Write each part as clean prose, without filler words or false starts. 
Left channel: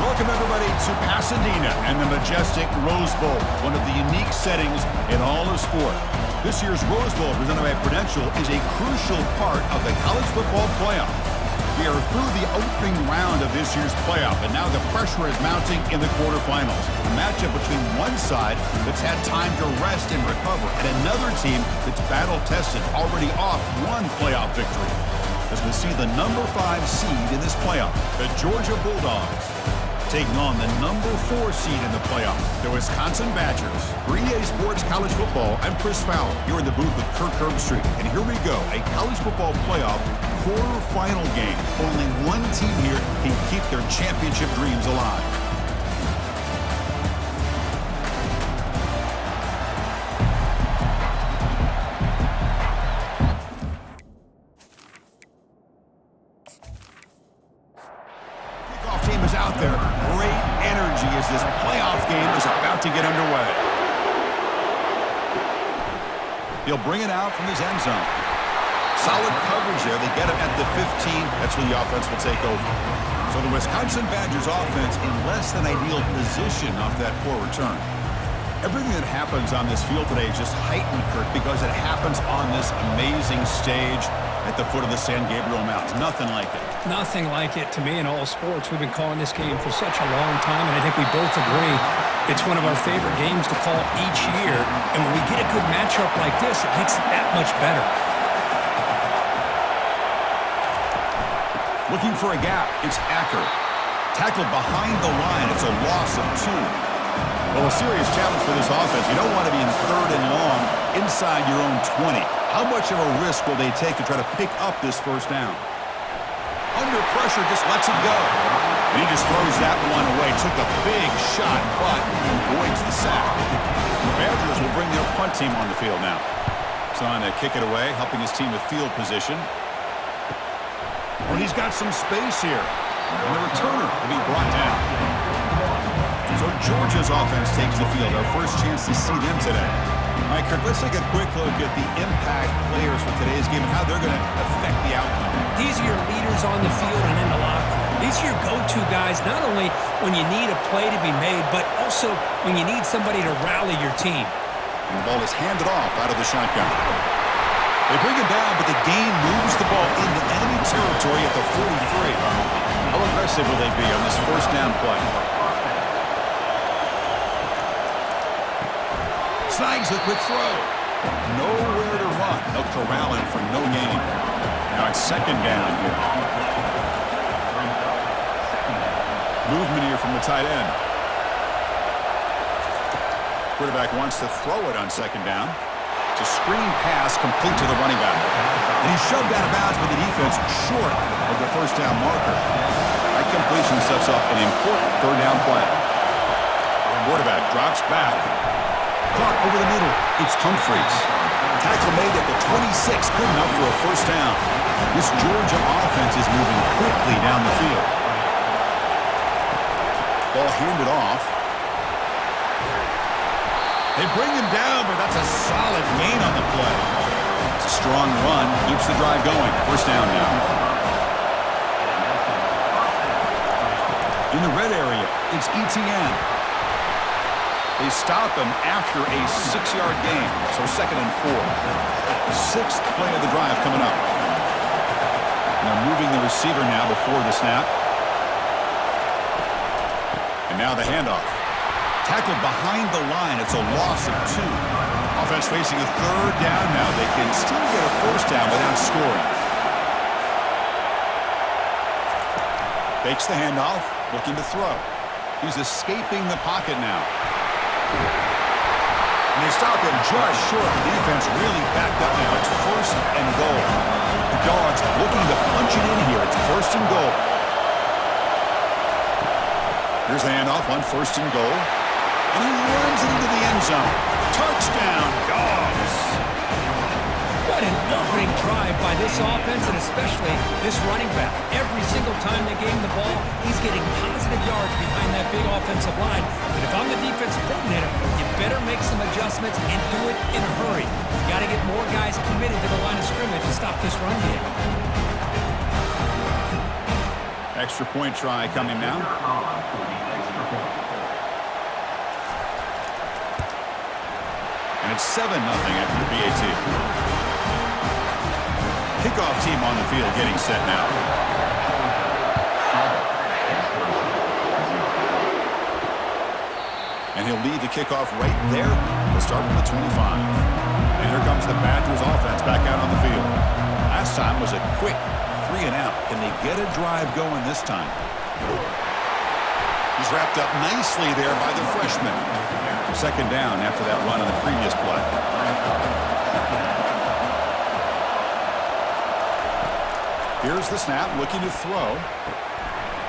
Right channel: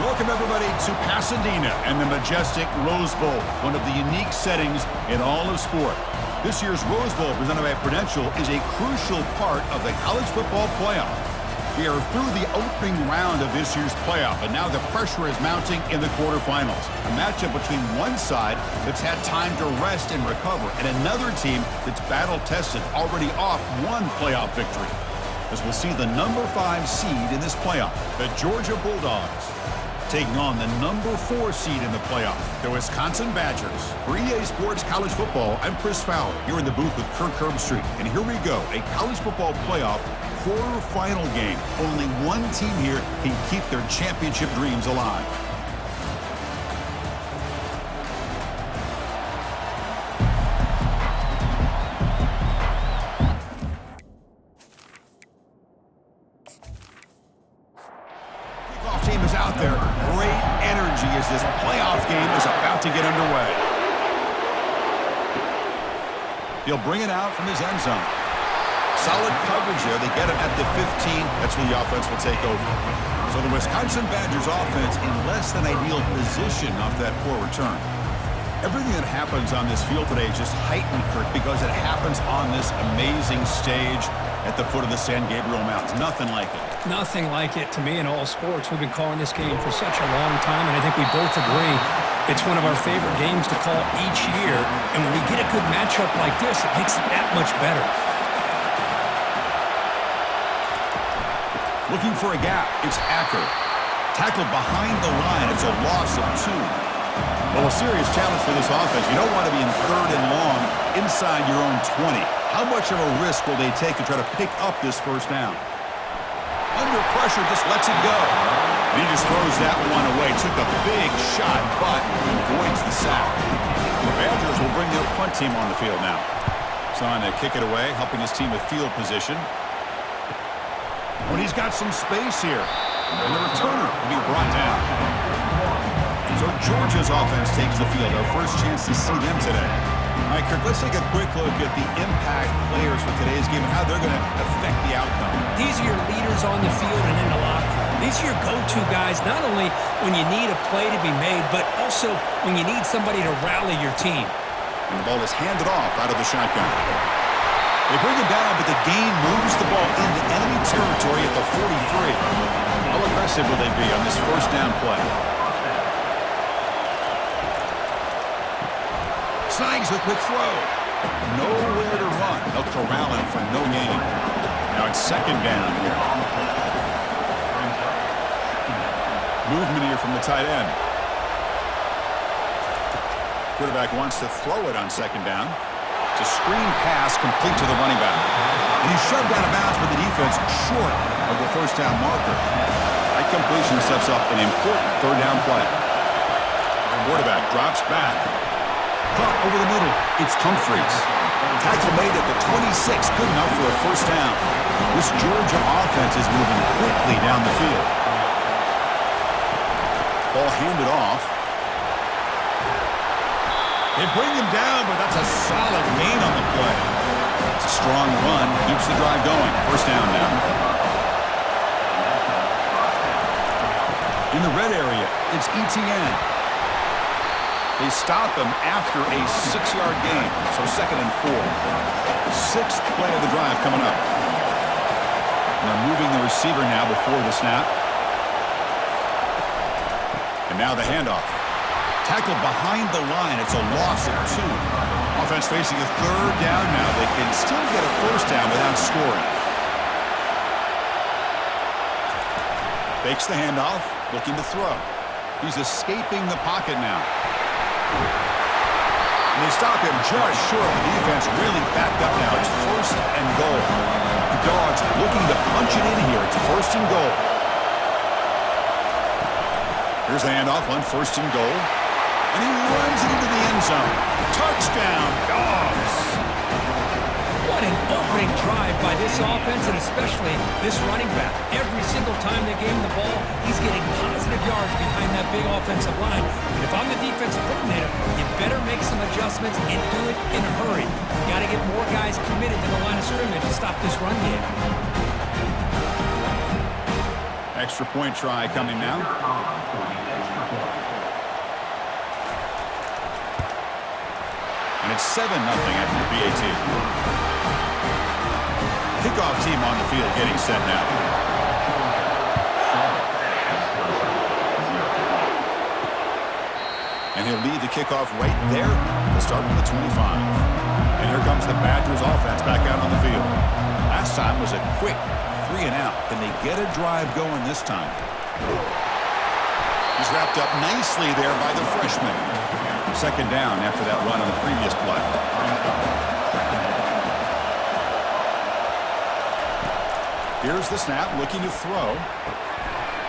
Welcome, everybody, to Pasadena and the majestic Rose Bowl, one of the unique settings in all of sport. This year's Rose Bowl, presented by Prudential, is a crucial part of the college football playoff. We are through the opening round of this year's playoff, and now the pressure is mounting in the quarterfinals. A matchup between one side that's had time to rest and recover, and another team that's battle-tested, already off one playoff victory. As we'll see the number 5 seed in this playoff, the Georgia Bulldogs, taking on the number 4 seed in the playoff, the Wisconsin Badgers. For EA Sports College Football, I'm Chris Fowler, here in the booth with Kirk Herbstreit. And here we go, a college football playoff quarterfinal game. Only one team here can keep their championship dreams alive. Team is out there. Great energy as this playoff game is about to get underway. He'll bring it out from his end zone. Solid coverage there. They get him at the 15. That's where the offense will take over. So the Wisconsin Badgers offense in less than ideal position off that poor return. Everything that happens on this field today is just heightened, Kirk, because it happens on this amazing stage at the foot of the San Gabriel Mountains. Nothing like it. Nothing like it to me in all sports. We've been calling this game for such a long time, and I think we both agree it's one of our favorite games to call each year. And when we get a good matchup like this, it makes it that much better. Looking for a gap, it's Acker. Tackled behind the line, it's a loss of 2. Well, a serious challenge for this offense. You don't want to be in 3rd and long inside your own 20. How much of a risk will they take to try to pick up this first down? Under pressure, just lets it go. And he just throws that one away. Took a big shot, but avoids the sack. The Badgers will bring their punt team on the field now. Trying to kick it away, helping his team with field position. And he's got some space here. And the returner will be brought down. So Georgia's offense takes the field. Our first chance to see them today. All right, Kirk, let's take a quick look at the impact players for today's game and how they're going to affect the outcome. These are your leaders on the field and in the locker room. These are your go-to guys, not only when you need a play to be made, but also when you need somebody to rally your team. And the ball is handed off out of the shotgun. They bring him down, but the game moves the ball into enemy territory at the 43. How aggressive will they be on this first down play? Snags a quick throw. Nowhere to run. They'll corral him for no gain. Now it's second down here. Movement here from the tight end. Quarterback wants to throw it on second down. It's a screen pass complete to the running back. And he's shoved out of bounds with the defense short of the first down marker. That completion sets up an important third down play. Quarterback drops back. Caught over the middle. It's Humphreys. Tackle made at the 26. Good enough for a first down. This Georgia offense is moving quickly down the field. Ball handed off. They bring him down, but that's a solid gain on the play. It's a strong run. Keeps the drive going. First down now. In the red area, it's ETN. They stop him after a 6-yard gain, so second and 4. 6th play of the drive coming up. And they're moving the receiver now before the snap. And now the handoff. Tackled behind the line. It's a loss of 2. Offense facing a third down now. They can still get a first down without scoring. Fakes the handoff, looking to throw. He's escaping the pocket now. And they stop him just short. The defense really backed up now. It's first and goal. The Dogs looking to punch it in here. It's first and goal. Here's the handoff on first and goal. And he runs it into the end zone. Touchdown, Dogs. What an opening drive by this offense, and especially this running back. Every single time they gave him the ball, he's getting positive yards behind that big offensive line. And if I'm the defensive coordinator, you better make some adjustments and do it in a hurry. You got to get more guys committed to the line of scrimmage to stop this run game. Extra point try coming now. And it's 7-0 after the PAT. Kickoff team on the field getting set now. And he'll lead the kickoff right there to start from the 25. And here comes the Badgers offense back out on the field. Last time was a quick 3 and out. Can they get a drive going this time? He's wrapped up nicely there by the freshman. Second down after that run on the previous play. Here's the snap, looking to throw.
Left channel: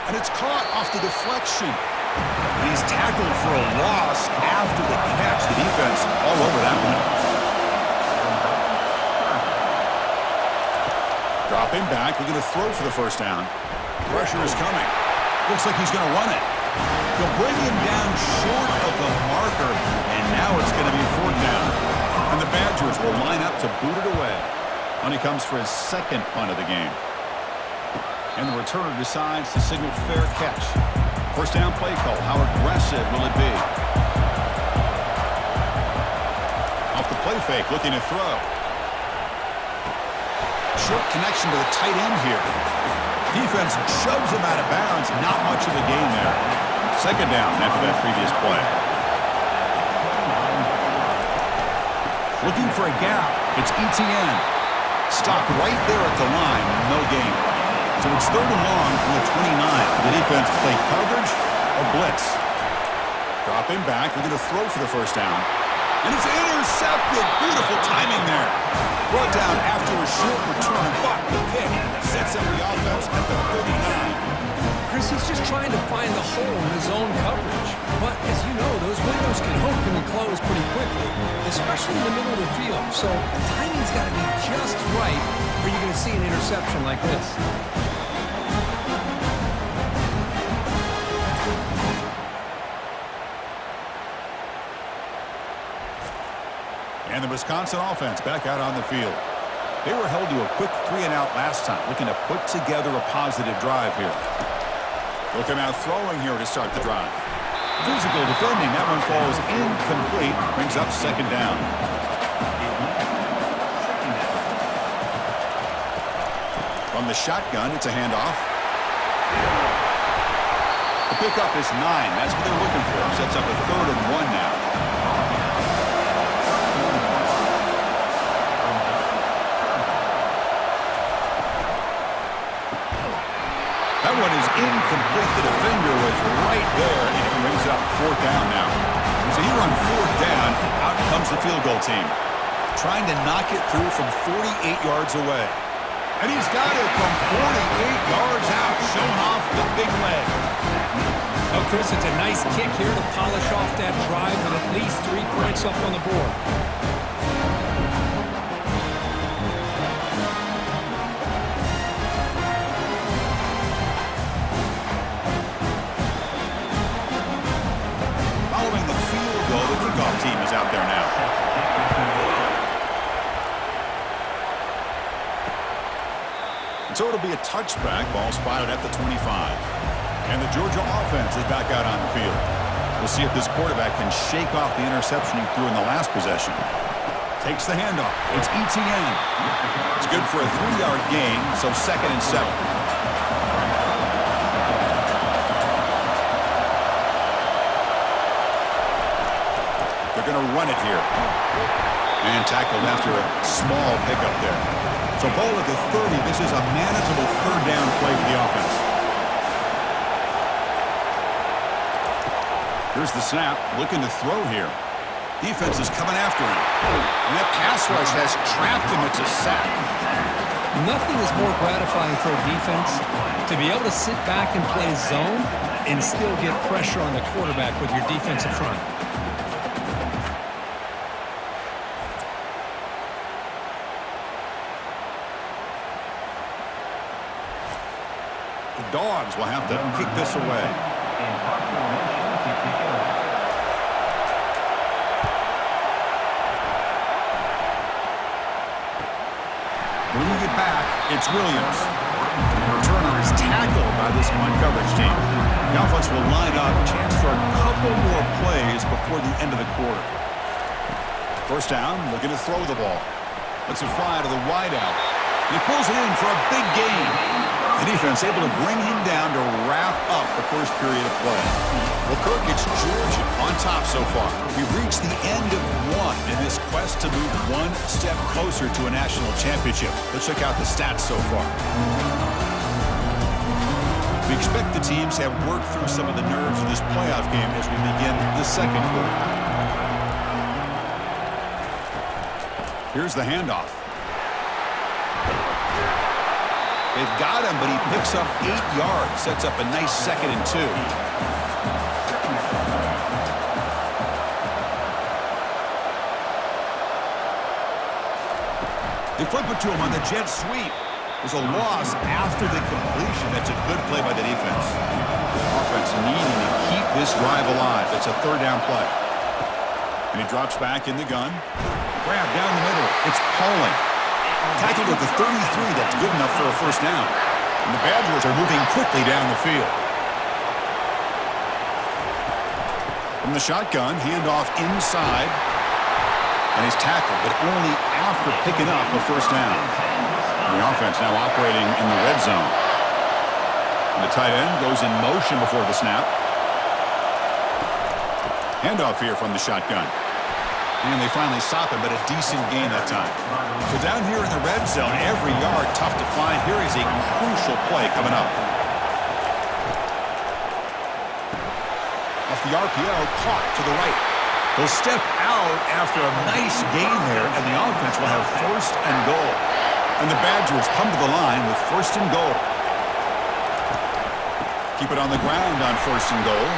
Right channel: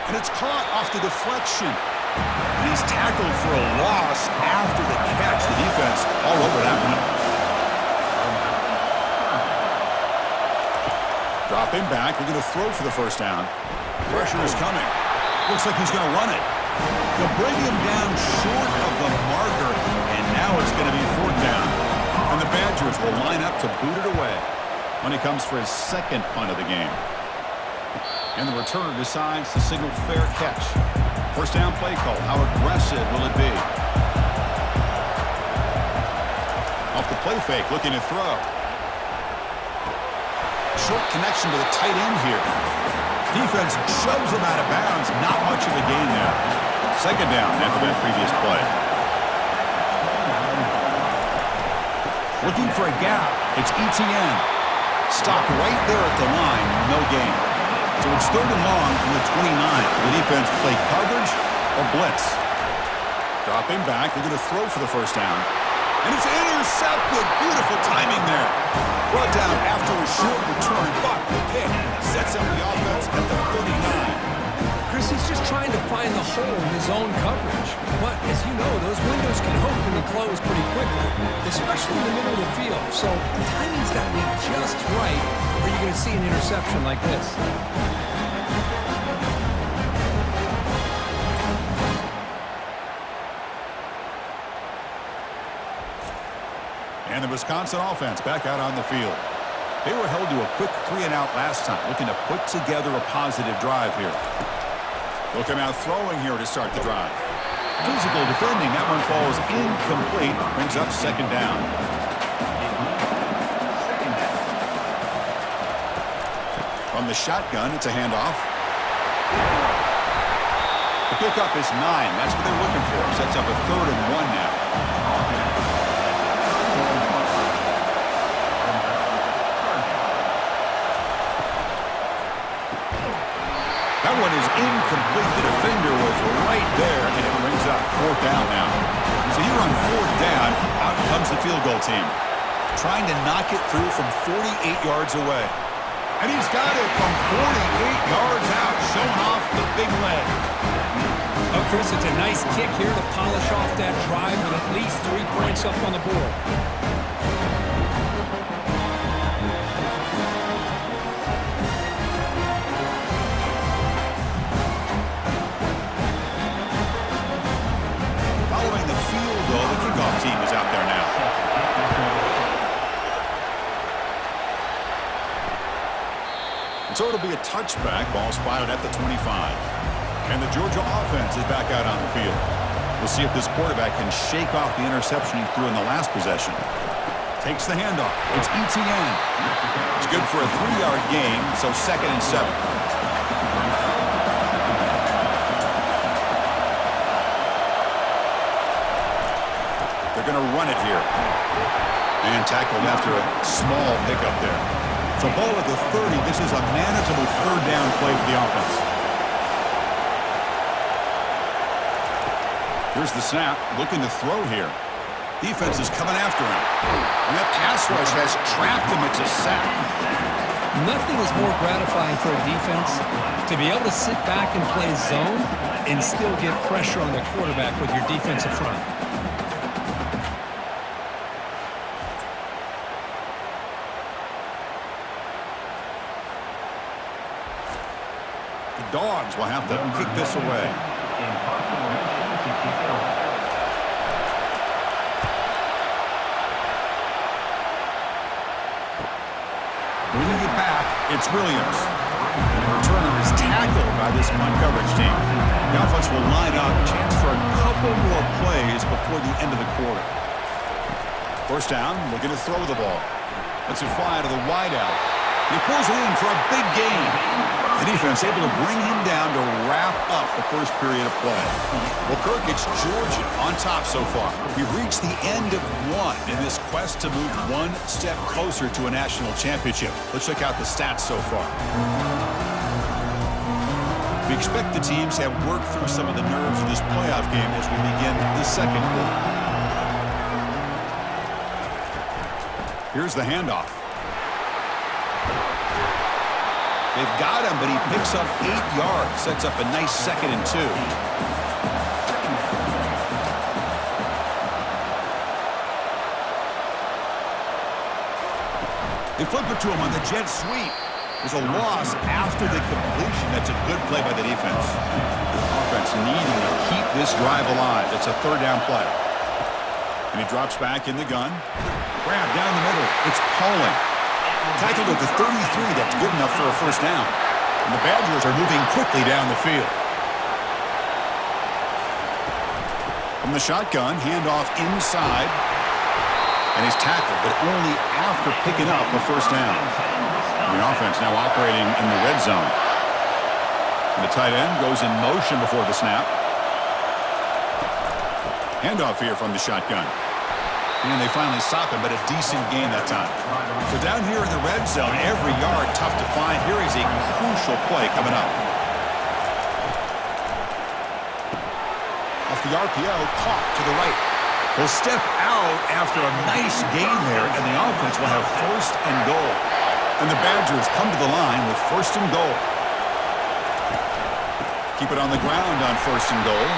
And it's caught off the deflection. And he's tackled for a loss after the catch. The defense all over that one. Dropping back, looking to throw for the first down. Pressure is coming. Looks like he's going to run it. They'll bring him down short of the marker, and now it's going to be 4th down. And the Badgers will line up to boot it away when he comes for his second punt of the game. And the returner decides to signal fair catch. First down play call. How aggressive will it be? Off the play fake, looking to throw. Short connection to the tight end here. Defense shoves him out of bounds. Not much of a gain there. Second down after that previous play. Looking for a gap. It's ETN. Stopped right there at the line. No gain. So it's 3rd and long from the 29. The defense play coverage or blitz. Dropping back. Looking to throw for the first down. And it's intercepted. Beautiful timing there. Brought down after a short return, but the pick sets up the offense at the 39. Chris, he's just trying to find the hole in his own coverage. But as you know, those windows can open and close pretty quickly, especially in the middle of the field. So the timing's got to be just right, or you're going to see an interception like this. And the Wisconsin offense back out on the field. They were held to a quick 3 and out last time, looking to put together a positive drive here. They'll come out throwing here to start the drive. Physical defending. That one falls incomplete. Brings up second down. From the shotgun, it's a handoff. The pickup is 9. That's what they're looking for. Sets up a 3rd and 1 now. That one is incomplete. The defender was right there, and it brings up 4th down now. So here on 4th down, out comes the field goal team. Trying to knock it through from 48 yards away. And he's got it from 48 yards out, showing off the big leg. Oh, Chris, it's a nice kick here to polish off that drive with at least 3 points up on the board. Following the field goal, the kickoff team is out there now. And so it'll be a touchback. Ball spotted at the 25. And the Georgia offense is back out on the field. We'll see if this quarterback can shake off the interception he threw in the last possession. Takes the handoff. It's ETN. It's good for a 3-yard gain, so 2nd and 7. They're going to run it here. And tackled after a small pickup there. So ball at the 30. This is a manageable 3rd down play for the offense. Here's the snap. Looking to throw here. Defense is coming after him. And that pass rush has trapped him. It's a sack. Nothing is more gratifying for a defense to be able to sit back and play zone and still get pressure on the quarterback with your defensive front. The Dogs will have to kick this away. Bringing it back, it's Williams. And the returner is tackled by this punt coverage team. The offense will line up, chance for a couple more plays before the end of the quarter. First down, looking to throw the ball. Lets it fly to the wideout. He pulls it in for a big gain. The defense able to bring him down to wrap up the first period of play. Well, Kirk, it's Georgia on top so far. We've reached the end of one in this quest to move one step closer to a national championship. Let's check out the stats so far. We expect the teams to have worked through some of the nerves of this playoff game as we begin the second quarter. Here's the handoff. They've got him, but he picks up 8 yards. Sets up a nice 2nd and 2. They flip it to him on the jet sweep. There's a loss after the completion. That's a good play by the defense. Offense needing to keep this drive alive. It's a 3rd down play. And he drops back in the gun. Grab down the middle. It's Pauling. Tackled at the 33. That's good enough for a 1st down. And the Badgers are moving quickly down the field. From the shotgun, handoff inside. And he's tackled, but only after picking up a 1st down. And the offense now operating in the red zone. And the tight end goes in motion before the snap. Handoff here from the shotgun. And they finally stop him, but a decent gain that time. So down here in the red zone, every yard tough to find. Here is a crucial play coming up. Off the RPO, caught to the right. He'll step out after a nice gain there, and the offense will have 1st and goal. And the Badgers come to the line with 1st and goal. Keep it on the ground on 1st and goal.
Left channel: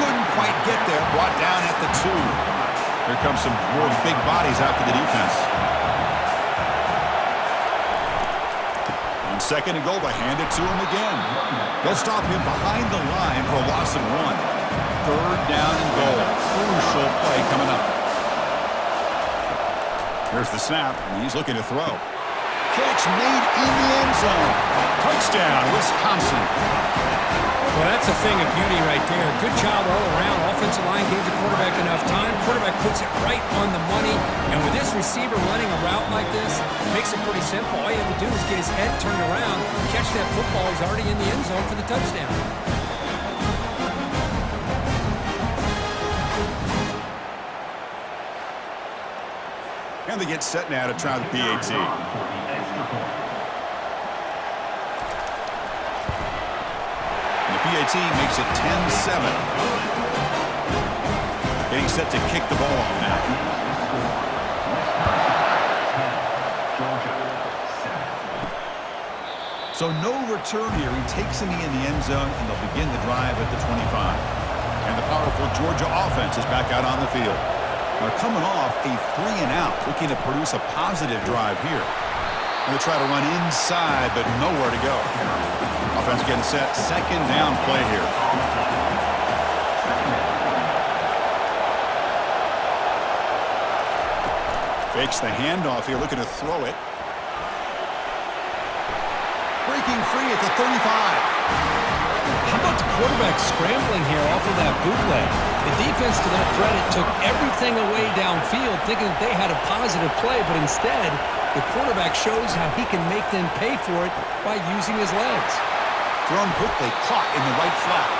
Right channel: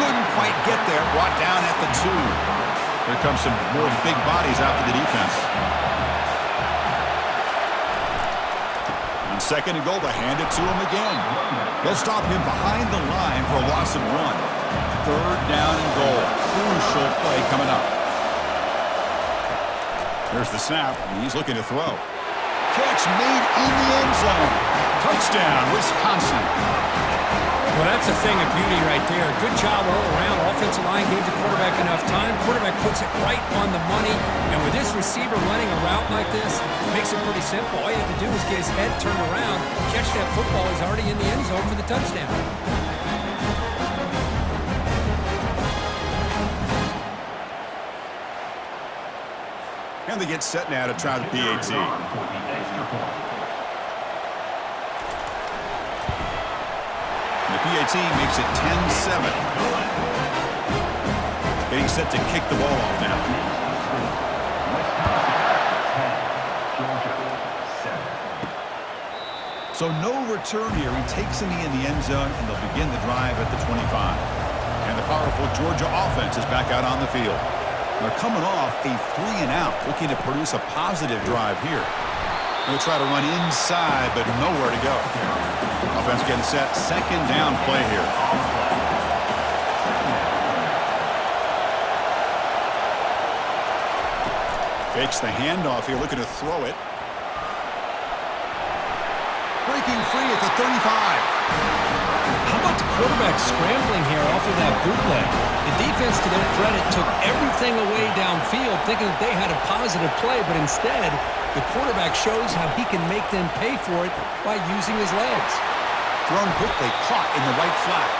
Couldn't quite get there, brought down at the 2. Here comes some more big bodies out for the defense. On 2nd and goal, they hand it to him again. They'll stop him behind the line for a loss of 1. 3rd down and goal. Crucial play coming up. Here's the snap, and he's looking to throw. Catch made in the end zone. Touchdown, Wisconsin. Well, that's a thing of beauty right there. Good job all around. Offensive line gave the quarterback enough time. Quarterback puts it right on the money. And with this receiver running a route like this, makes it pretty simple. All you have to do is get his head turned around, catch that football. He's already in the end zone for the touchdown. And they get set now to try the PAT. And the PAT makes it 10-7. Getting set to kick the ball off now. So no return here. He takes a knee in the end zone, and they'll begin the drive at the 25. And the powerful Georgia offense is back out on the field. They're coming off a 3-and-out, looking to produce a positive drive here. Going to try to run inside, but nowhere to go. Offense getting set. 2nd down play here. Fakes the handoff here, looking to throw it. Breaking free at the 35. How about the quarterback scrambling here off of that bootleg? The defense, to their credit, took everything away downfield, thinking that they had a positive play, but instead, the quarterback shows how he can make them pay for it by using his legs. Thrown quickly, caught in the right flat.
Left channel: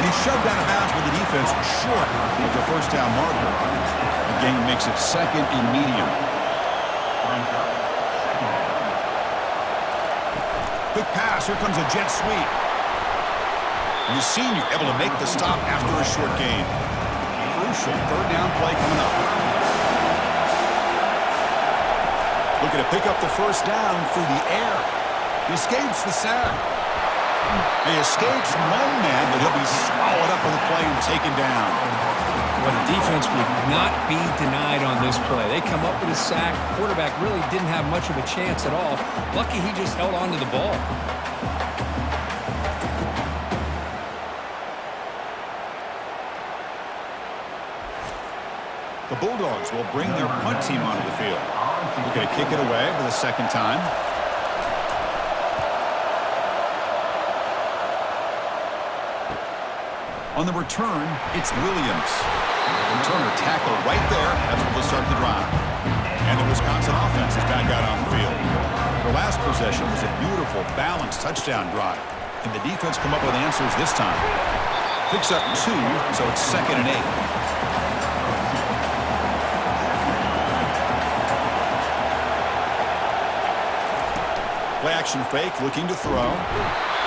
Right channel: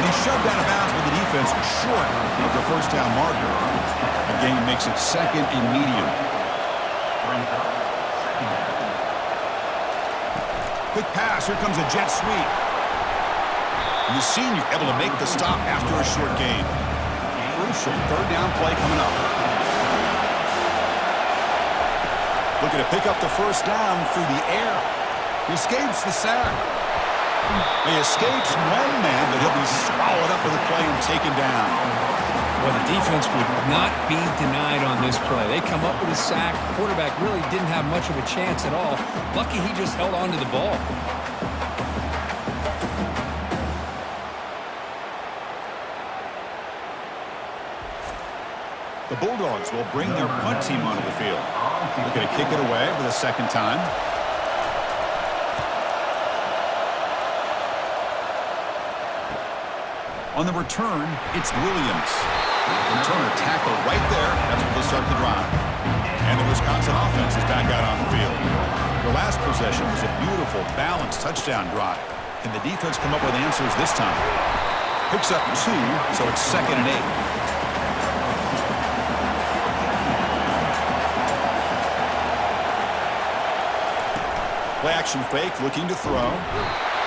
And he's shoved out of bounds with the defense short of the 1st down marker. The game makes it 2nd and medium. Quick pass, here comes a jet sweep. And the senior able to make the stop after a short gain. Crucial 3rd down play coming up. Looking to pick up the 1st down through the air. He escapes the sack. He escapes 1 man, but he'll be swallowed up with the play and taken down. Well, the defense would not be denied on this play. They come up with a sack. Quarterback really didn't have much of a chance at all. Lucky he just held on to the ball. The Bulldogs will bring their punt team onto the field. Looking to kick it away for the second time. On the return, it's Williams. Returner tackle right there. That's what will start the drive. And the Wisconsin offense is back out on the field. Their last possession was a beautiful, balanced touchdown drive. Can the defense come up with answers this time? Picks up 2, so it's 2nd and 8. Play action fake, looking to throw.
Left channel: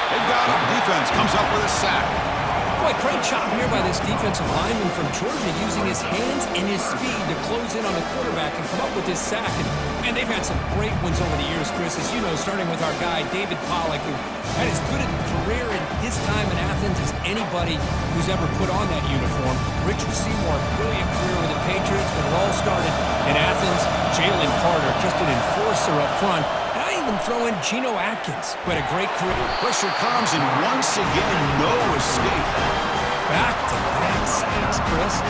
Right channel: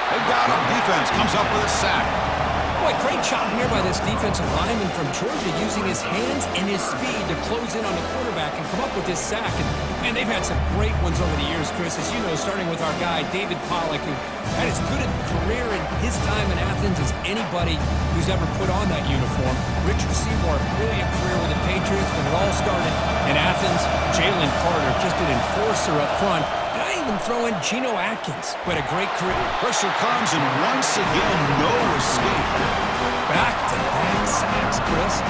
They've got him. Defense comes up with a sack. Boy, great job here by this defensive lineman from Georgia using his hands and his speed to close in on the quarterback and come up with this sack. And, man, they've had some great ones over the years, Chris, as you know, starting with our guy, David Pollock, who had as good a career in his time in Athens as anybody who's ever put on that uniform. Richard Seymour, brilliant career with the Patriots, but it all started in Athens. Jalen Carter, just an enforcer up front. And I even throw in Geno Atkins, who had a great career. Pressure comes, and once again, no escape. Back-to-back sacks, Chris.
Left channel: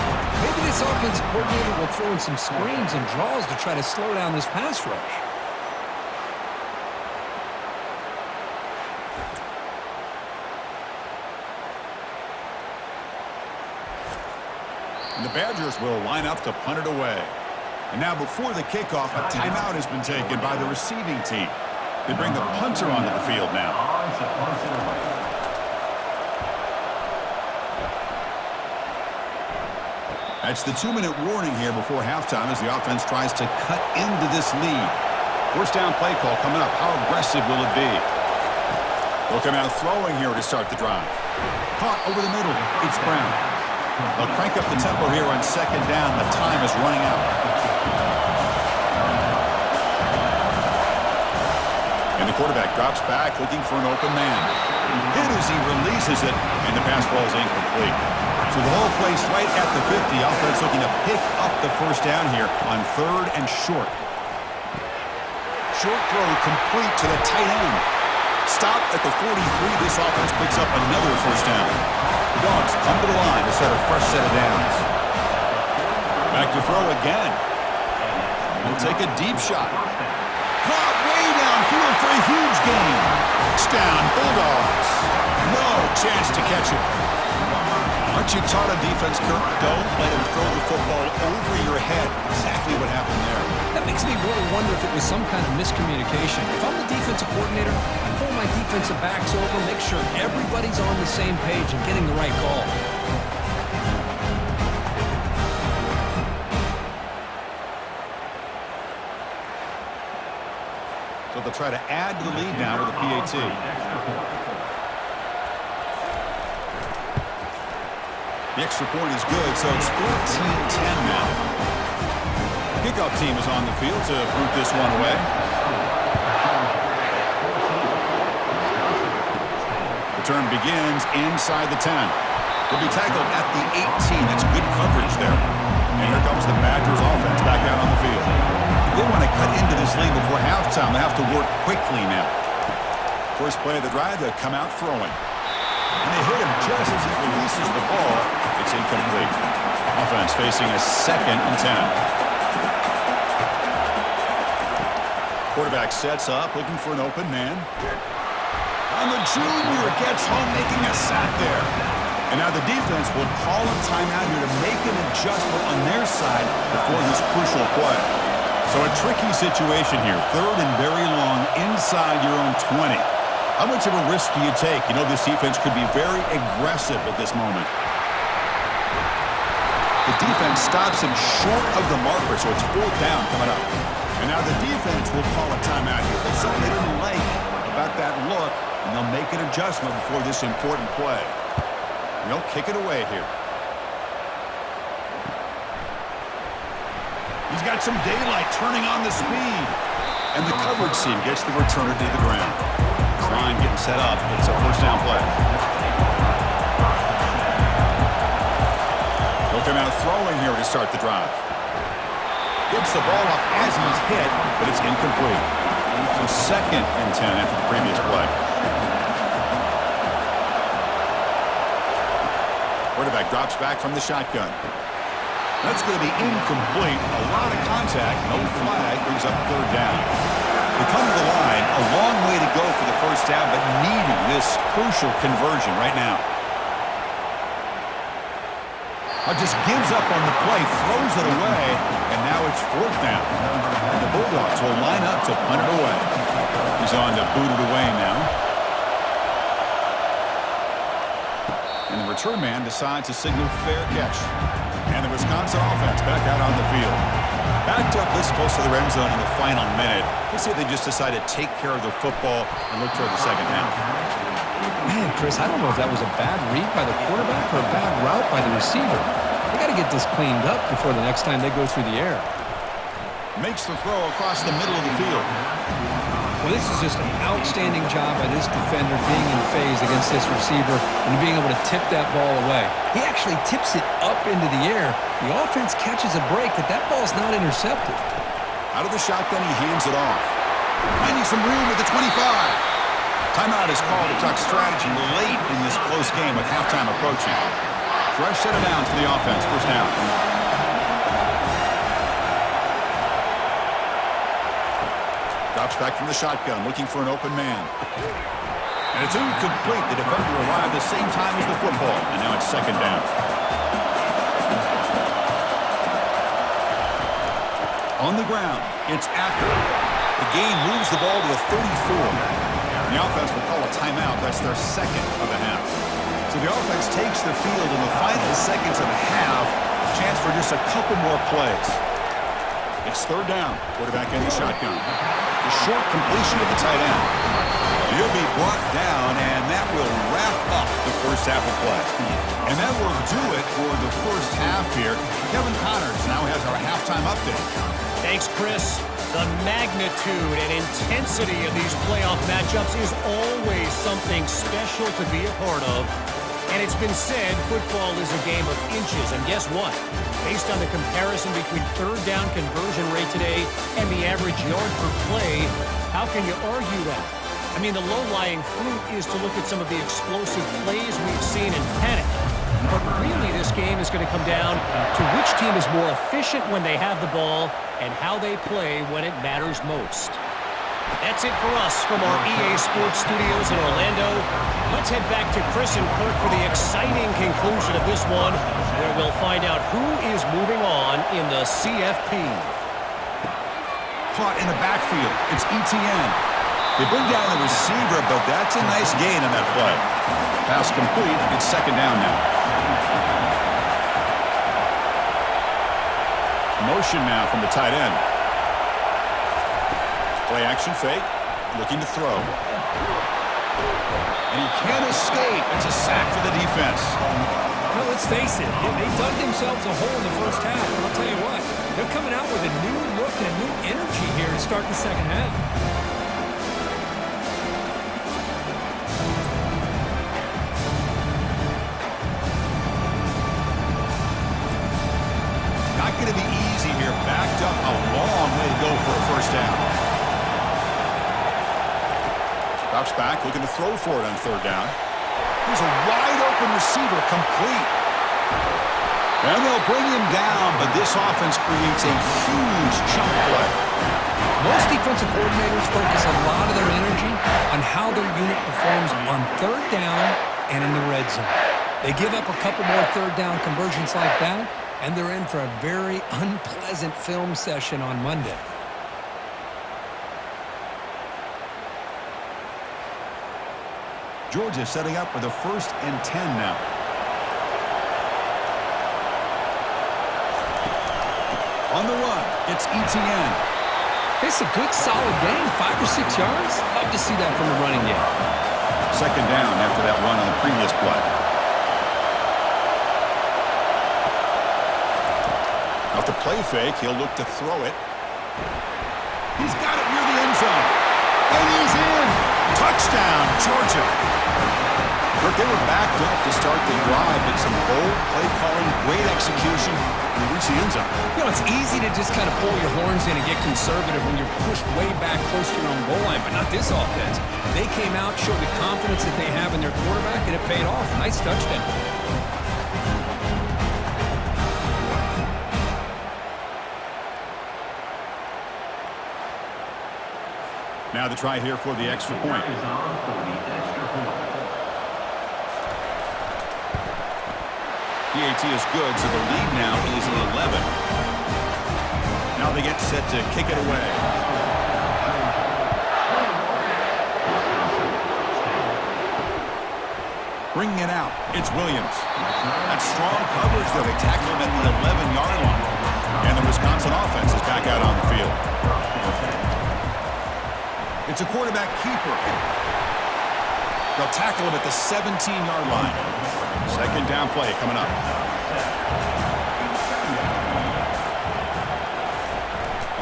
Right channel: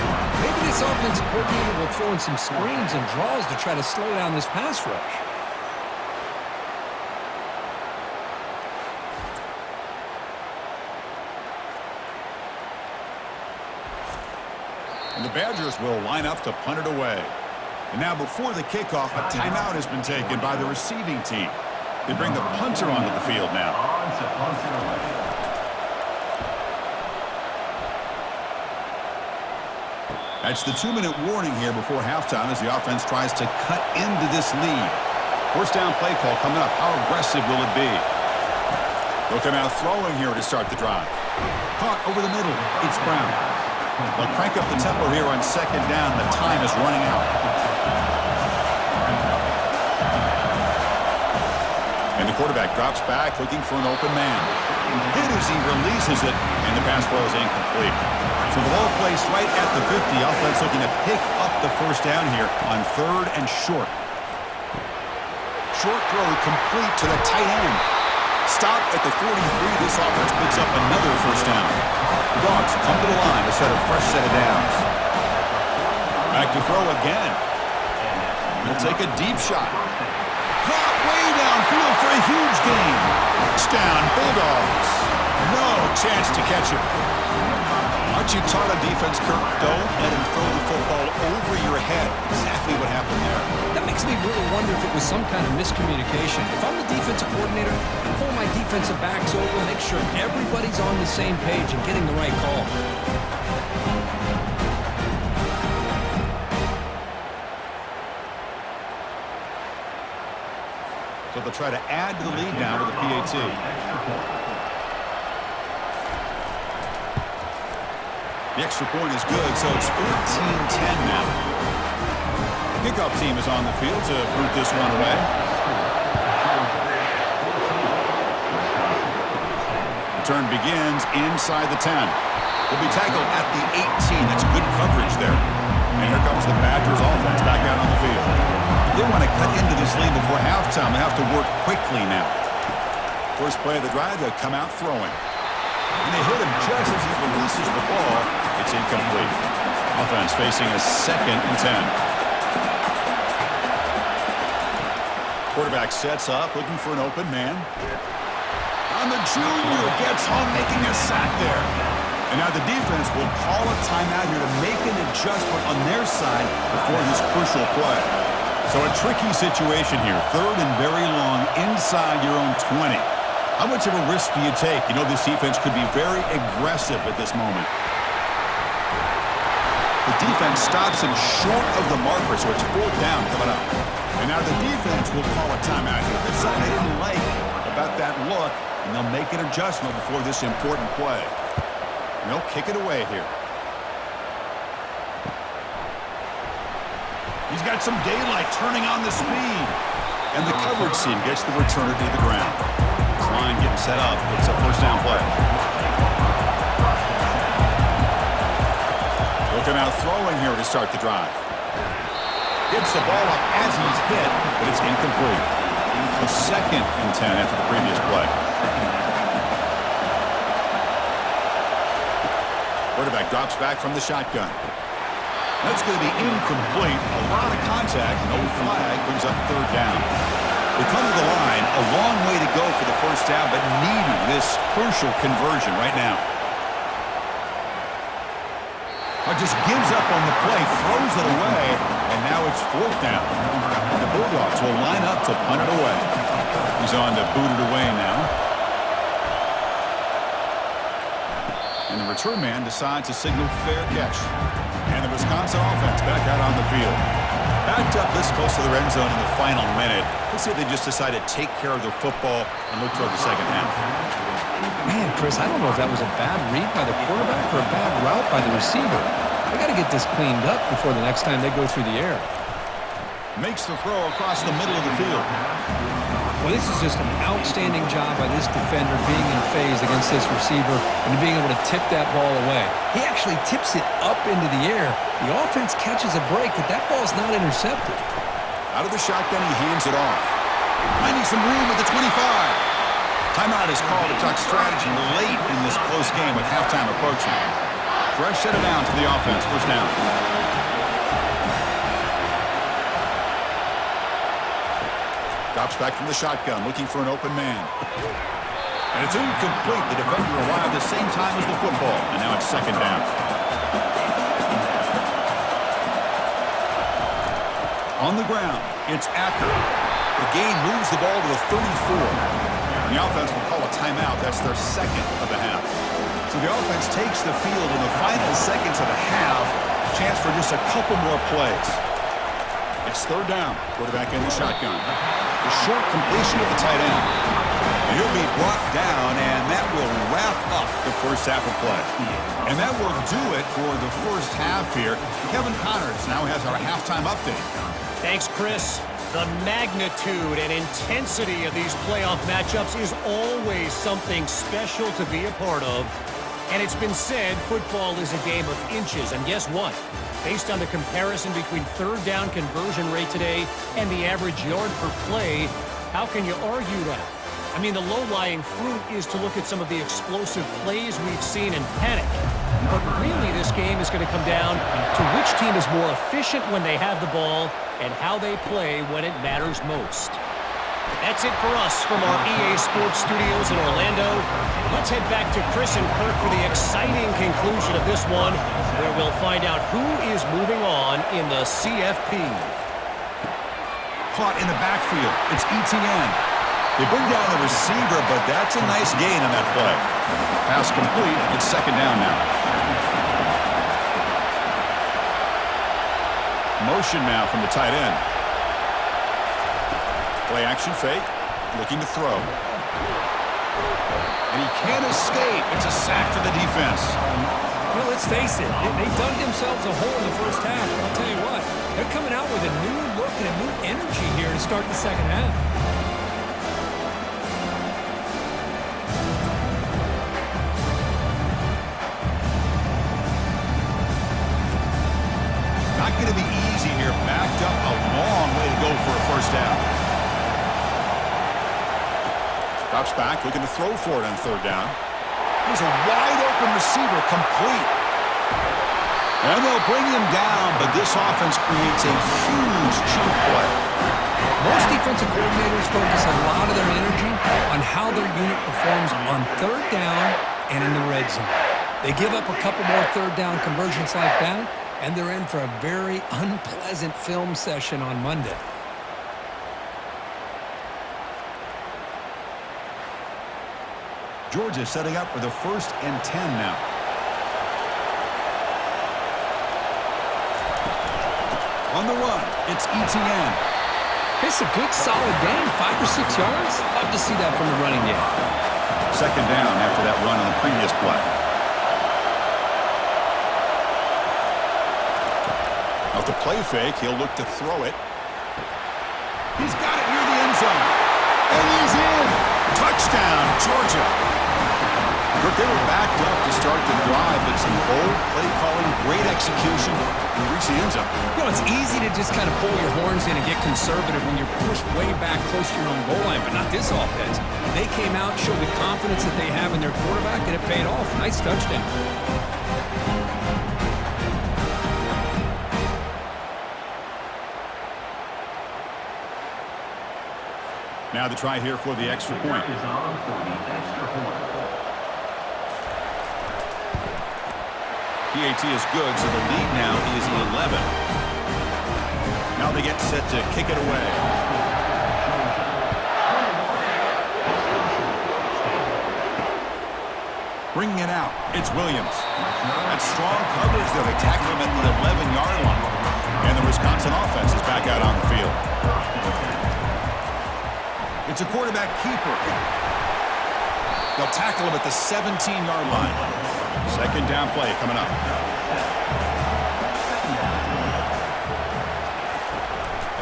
Maybe this offensive coordinator will throw in some screens and draws to try to slow down this pass rush. And the Badgers will line up to punt it away. And now before the kickoff, a timeout has been taken by the receiving team. They bring the punter onto the field now. That's the 2-minute warning here before halftime as the offense tries to cut into this lead. First down play call coming up. How aggressive will it be? They'll come out throwing here to start the drive. Caught over the middle. It's Brown. They'll crank up the tempo here on 2nd down. The time is running out. And the quarterback drops back looking for an open man. Hit as he releases it, and the pass ball is incomplete. So the ball placed right at the 50. Offense looking to pick up the first down here on 3rd and short. Short throw complete to the tight end. Stop at the 43. This offense picks up another first down. The Dogs come to the line to start a fresh set of downs. Back to throw again. He'll take a deep shot. Caught way downfield for a huge gain. Touchdown, Bulldogs. No chance to catch it. Aren't you taught on defense, Kirk? Don't let him throw the football over your head. Exactly what happened there. That makes me really wonder if it was some kind of miscommunication. If I'm the defensive coordinator, I pull my defensive backs over, make sure everybody's on the same page and getting the right call. So they'll try to add to the lead now with a PAT. The extra point is good, so it's 14-10 now. The kickoff team is on the field to boot this one away. Return begins inside the 10. They'll be tackled at the 18. That's good coverage there. And here comes the Badgers offense back out on the field. If they want to cut into this lead before halftime, they have to work quickly now. First play of the drive, they'll come out throwing. And they hit him just as he releases the ball. It's incomplete. Offense facing a 2nd and 10. Quarterback sets up, looking for an open man. And the junior gets home, making a sack there. And now the defense will call a timeout here to make an adjustment on their side before this crucial play. So a tricky situation here. 3rd and very long inside your own 20. How much of a risk do you take? You know this defense could be very aggressive at this moment. The defense stops him short of the marker, so it's 4th down coming up. And now the defense will call a timeout here. There's something they didn't like about that look, and they'll make an adjustment before this important play. And they'll kick it away here. He's got some daylight turning on the speed. And the coverage team gets the returner to the ground. Line getting set up. It's a first down play. They'll come out throwing here to start the drive. Gets the ball up as he's hit, but it's incomplete. So 2nd and 10 after the previous play. Quarterback drops back from the shotgun. That's going to be incomplete. A lot of contact. No flag. Brings up third down. They come to the line. A long way to go for the first down, but needing this crucial conversion right now. Just gives up on the play, throws it away, and now it's fourth down. And the Bulldogs will line up to punt it away. He's on to boot it away now. And the return man decides to signal fair catch. And the Wisconsin offense back out on the field. Backed up this close to the end zone in the final minute. Let's see if they just decide to take care of the football and look toward the second half. Man, Chris, I don't know if that was a bad read by the quarterback or a bad route by the receiver. They got to get this cleaned up before the next time they go through the air. Makes the throw across the middle of the field. Well, this is just an outstanding job by this defender being in phase against this receiver and being able to tip that ball away. He actually tips it up into the air. The offense catches a break, but that ball's not intercepted. Out of the shotgun, he hands it off. Finding some room at the 25. Timeout is called to talk strategy late in this close game with halftime approaching. Fresh set of downs for the offense. First down. Drops back from the shotgun, looking for an open man. And it's incomplete. The defender arrived the same time as the football, and now it's second down. On the ground, it's Acker. The game moves the ball to the 34. And the offense will call a timeout. That's their second of the half. So the offense takes the field in the final seconds of the half. Chance for just a couple more plays. It's third down. Quarterback in the shotgun. The short completion of the tight end. And he'll be brought down, and that will wrap up the first half of play. And that will do it for the first half here. Kevin Connors now has our halftime update. Thanks, Chris. The magnitude and intensity of these playoff matchups is always something special to be a part of. And it's been said football is a game of inches. And guess what? Based on the comparison between third down conversion rate today and the average yard per play, how can you argue that? I mean, the low-lying fruit is to look at some of the explosive plays we've seen and panic. But really, this game is going to come down to which team is more efficient when they have the ball and how they play when it matters most. That's it for us from our EA Sports Studios in Orlando. Let's head back to Chris and Kirk for the exciting conclusion of this one, where we'll find out who is moving on in the CFP. Caught in the backfield. It's ETN. They bring down the receiver, but that's a nice gain on that play. Pass complete. It's second down now. Motion now from the tight end. Play action fake. Looking to throw. And he can't escape. It's a sack for the defense. Well, let's face it. They dug themselves a hole in the first half, but I'll tell you what. They're coming out with a new look and a new energy here to start the second half. Not going to be easy here. Backed up a long way to go for a first down. Drops back, looking to throw for it on third down. Here's a wide-open receiver, complete. And they'll bring him down, but this offense creates a huge chunk play. Most defensive coordinators focus a lot of their energy on how their unit performs on third down and in the red zone. They give up a couple more third down conversions like that, and they're in for a very unpleasant film session on Monday. Georgia setting up for the 1st and 10 now. On the run, it's ETN. It's a good, solid game, 5 or 6 yards. Love to see that from the running game. Second down after that run on the previous play. Off the play fake, he'll look to throw it. He's got it near the end zone. And he's in. Touchdown, Georgia. Kirk, they were backed up to start the drive, but some bold play calling, great execution, and they reached the end zone. You know, it's easy to just kind of pull your horns in and get conservative when you're pushed way back close to your own goal line, but not this offense. They came out, showed the confidence that they have in their quarterback, and it paid off. Nice touchdown. Now the try here for the extra point. PAT is good, so the lead now is 11. Now they get set to kick it away. Bringing it out, it's Williams. That's strong coverage there. They tackle him at the 11-yard line. And the Wisconsin offense is back out on the field. It's a quarterback keeper. They'll tackle him at the 17-yard line. Second down play coming up.